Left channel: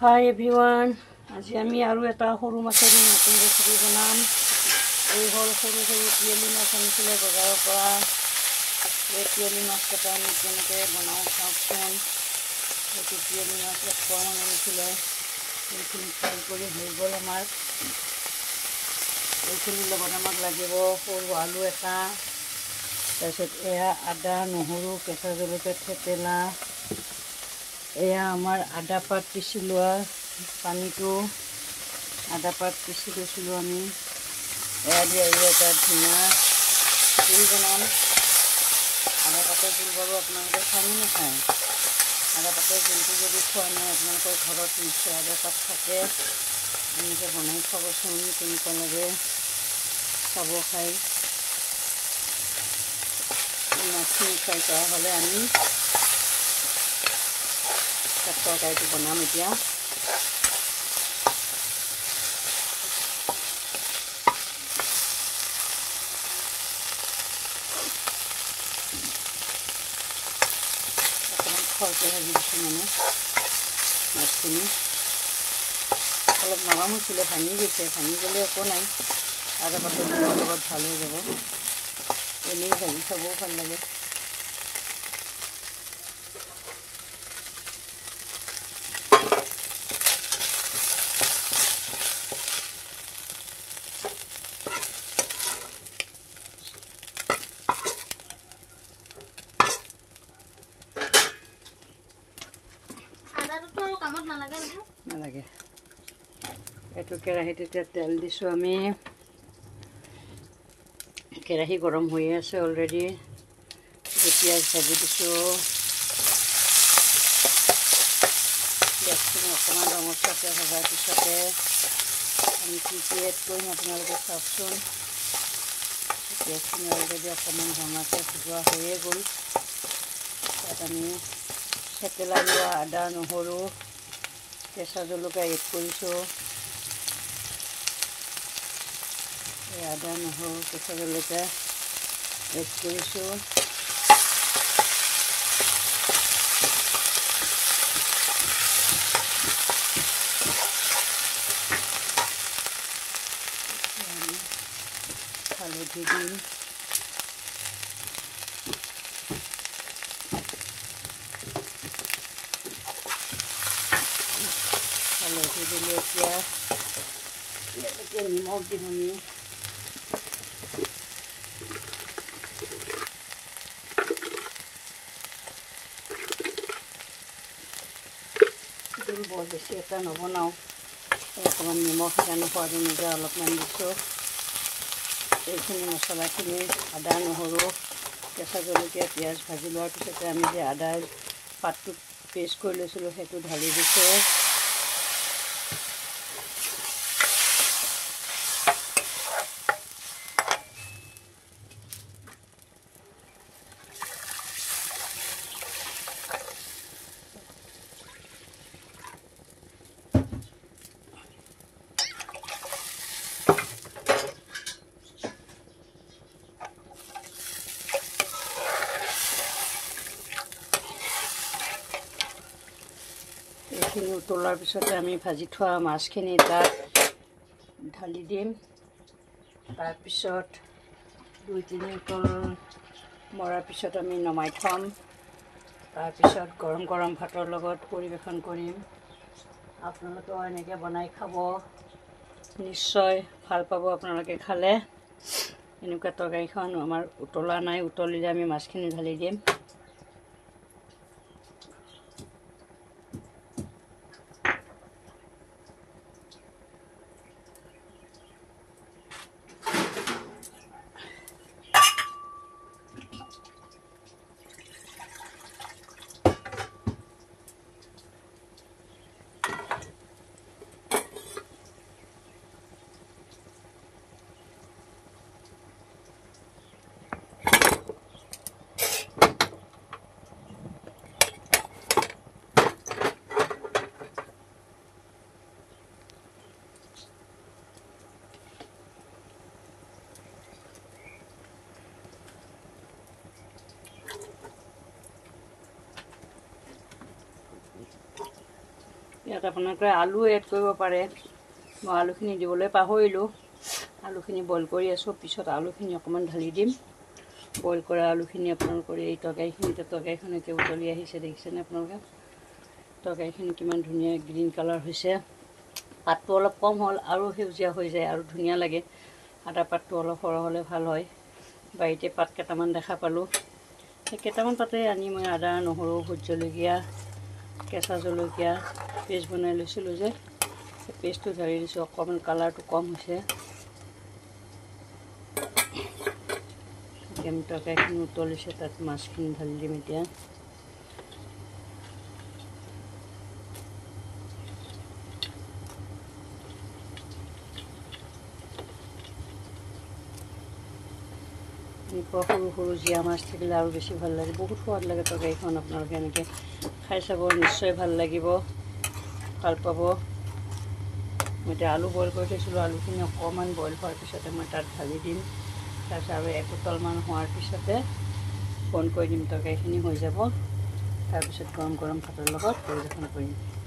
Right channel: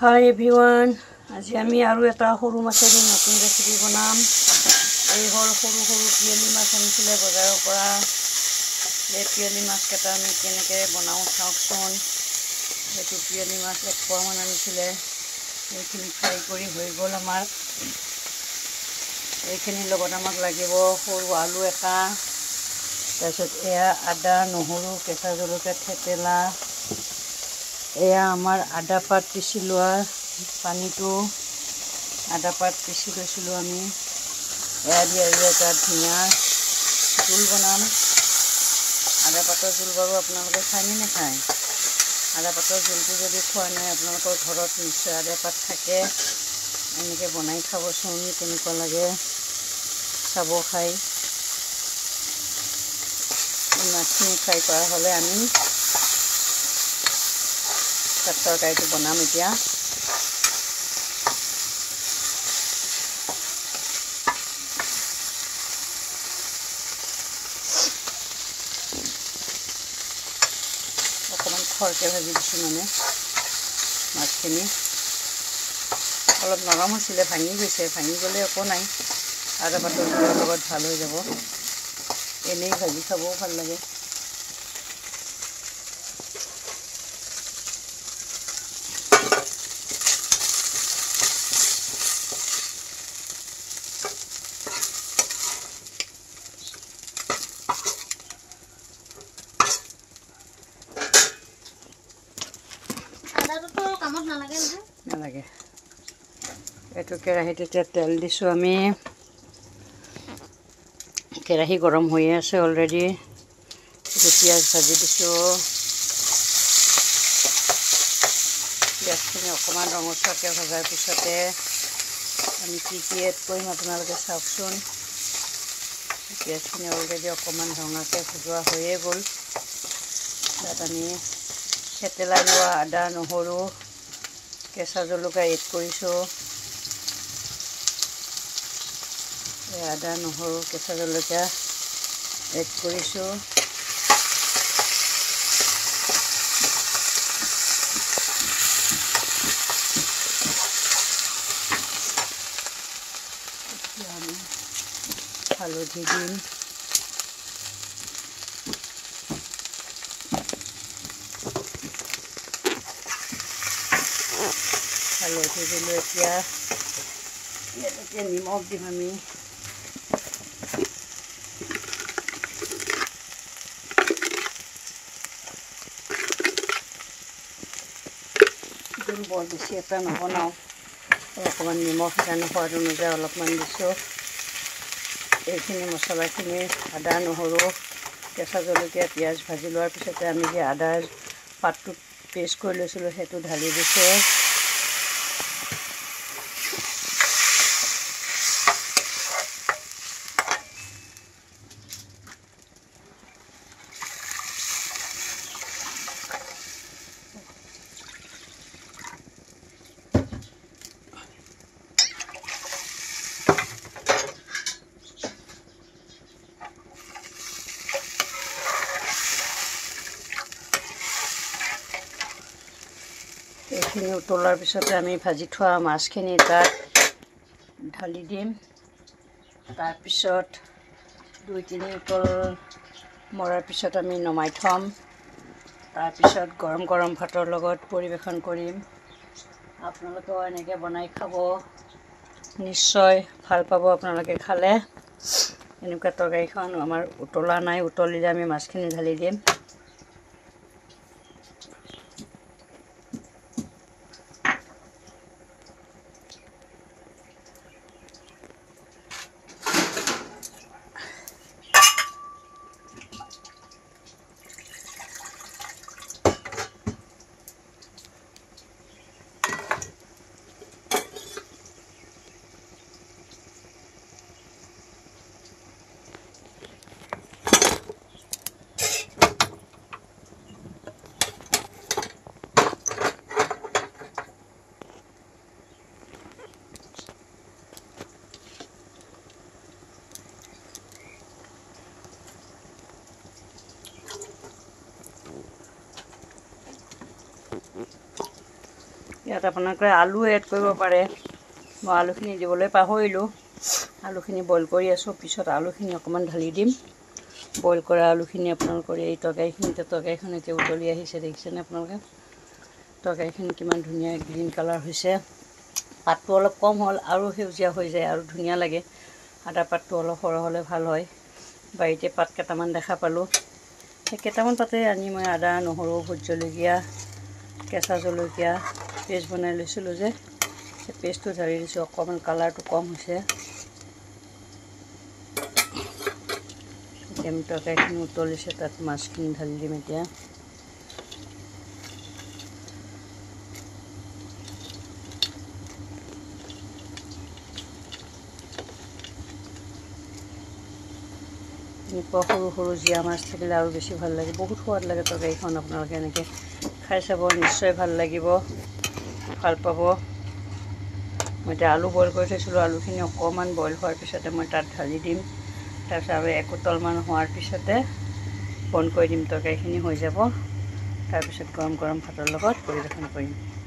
Hi everyone, আজি আমি আৰু এটা সৰু মাছেৰ নতুন ৰেচিপি বনাম। এই হল সৰু সৰু পিয়ালি মাছ আনিছিলে বজাৰৰ পৰা। এই পিয়ালি মাছ কেইটা আমি কেনেকৈ বনাওঁ চাওকচোন। এইটো পিয়ালি মাছ 1 পোৱা মান আনিছিলে। এইখিনি ফ্ৰাই কৰি হৈ গ'ল আমাৰ। এইখিনিৰ লগত আমাক লাগিব সৰু আলু এটা, তাৰপিছত এয়া আদা, নহৰু, কেঁচা জলকীয়া, থেতেলা, এয়া আমাৰ আদা পাত পিচি লোৱা পানীটো, আদা পাত পিচি লৈছিলোঁ আমি। এয়া দি আৰু এটা ধুনীয়া জোল বনাম। আদা পাতৰ জোল বাৰু আপোনালোকে খায়নে নাখায়? আদা পাতৰ জোলটো যদি খোৱা নাই আপোনালোকৰ ঘৰত নিশ্চয় আদা পাত থাকে। এনেকৈ বনাই খাবচোন, কেনেকুৱা লাগে চাব খাই। মাছখিনি ফ্ৰাই কৰা হ'লে আমি তৰকাৰীটো বনাম এতিয়া। অকণমান খৰকৈ ভাজি দিছোঁ মানে মাছখিনি। অলপ নৰম হৈছিলে, ভাঙি গৈছে। ভাঙি গ'লে একো নাই, আদা পাতৰ জোলৰ লগত ভাল হৈ যাব। এনেই ভাজি খাবও ভাল লাগে। নালাগে। এইটো কেৰাহীত এতিয়া তেল দিছোঁ আমি। কেৰাহী গৰম হৈয়ে আছে অলৰেডি। পিঁয়াজ ভাজি দিছোঁ। পিঁয়াজখিনি অকণমান ৰঙচুৱাকৈ ভজাৰ পিছতে আমি কি এড কৰিম আপোনালোকে চাওকচোন। পিঁয়াজখিনি অলৰেডি অকণমান ৰঙাকৈ ভজোৱা হৈয়ে গ'ল। তাত আমি থেতেলাই লোৱা আদা, নহৰু, কেঁচা জলকীয়া এড কৰিছোঁ। আদা, নহৰু, কেঁচা জলকীয়া এড কৰিছোঁ। আমি হালধি দিম। হালধি দিলোঁ। এতিয়া নিমখ দিম আমি। জোল বৰ বেছি এটা নবনাওঁ, অকণমান নিমখ সেইকাৰণে সোৱাদ অনুযায়ী অলপমান দিছোঁ। এইখিনি মছলাখিনি আদা, নহৰু, কেঁচা জলকীয়া, পিঁয়াজ ভাজি লোৱাৰ পিছতে আমি যে আদাৰ পাতটো পেষ্ট কৰি লৈছিলোঁ সেইটো ঢালি দিছোঁ। এইখিনি উতলাৰ পিছতে আমি ভাজি থোৱা মাছখিনি তাত ঢালি দিম। তাৰপিছত 2-3 উতল মৰাৰ পিছত আমি নমাই থ'ম। তাৰপিছত গৰম গৰম ভাতৰ লগত পৰিৱেশন কৰিম। আপোনালোকেও এনেকৈ বনাই খাব, নিশ্চয় ভাল পাব আপোনালোকে খালে। এনেকুৱা তৰকাৰীখন আমাৰ উতলা নাই, উতলিলে আমি মাছখিনি ঢালি দিম। ইয়াত আপোনালোকে আলু এড কৰিব পাৰে। মই আলুখিনি দিবলৈ পাহৰিলোঁ। আলুখিনি বইল কৰি আছোঁ, পিছত আলুখিনি অকণমান ঢালি দিম। বইল কৰা আলুখিনি আপোনালোকৰ এই তৰকাৰীখন এতিয়া উতলি আহিছে, দেখিছেনে আপোনালোকে? তৰকাৰীখিনি কিমান ধুনীয়া গ্ৰীণ কালাৰ হৈছে। পাতটো অলপ কম হ'ল, আৰু সেউজীয়া হৈ যায় আৰু ধুনীয়া লাগে। আদা পাতটো অলপ সৰহ হ'লে ভাল হয়। বাৰীতে পাত কেইটামান দেখা পালোঁ, সেই কেইটামান পাতে আনি মই আদা, নহৰু, ভোট জলকীয়া, কেঁচা জলকীয়া পেষ্ট বনাই লৈছিলোঁ যে, সেই পেষ্টটো ঢালি দিছোঁ। অকণমান কালাৰটো কম হৈছে। তৰকাৰীখিনি উতলিছে, তাত মাছখিনি ঢালি দিম এতিয়া। এনেকুৱা সৰু সৰু জীয়া মাছ থাকিলে আৰু বেছি ভাল লাগে, বহুত সোৱাদ লাগে তৰকাৰীখন। আপোনালোকে এনেকৈ খাই চাব, নিশ্চয় ভাল লাগিব, ভাল পাব। মই এতিয়া আলু বইল কৰি থৈছিলোঁ, আলুখিনি অকণমান বইল হোৱাৰ পিছতে মই তাত ঢালি দিম। তাৰপিছত আৰু একোতলমান হোৱাৰ পিছতে বন্ধ কৰি দিম, তৰকাৰীখিনি হৈ যাব। তাৰপিছত গৰম গৰম ভাতৰ লগত পৰিৱেশন কৰিম।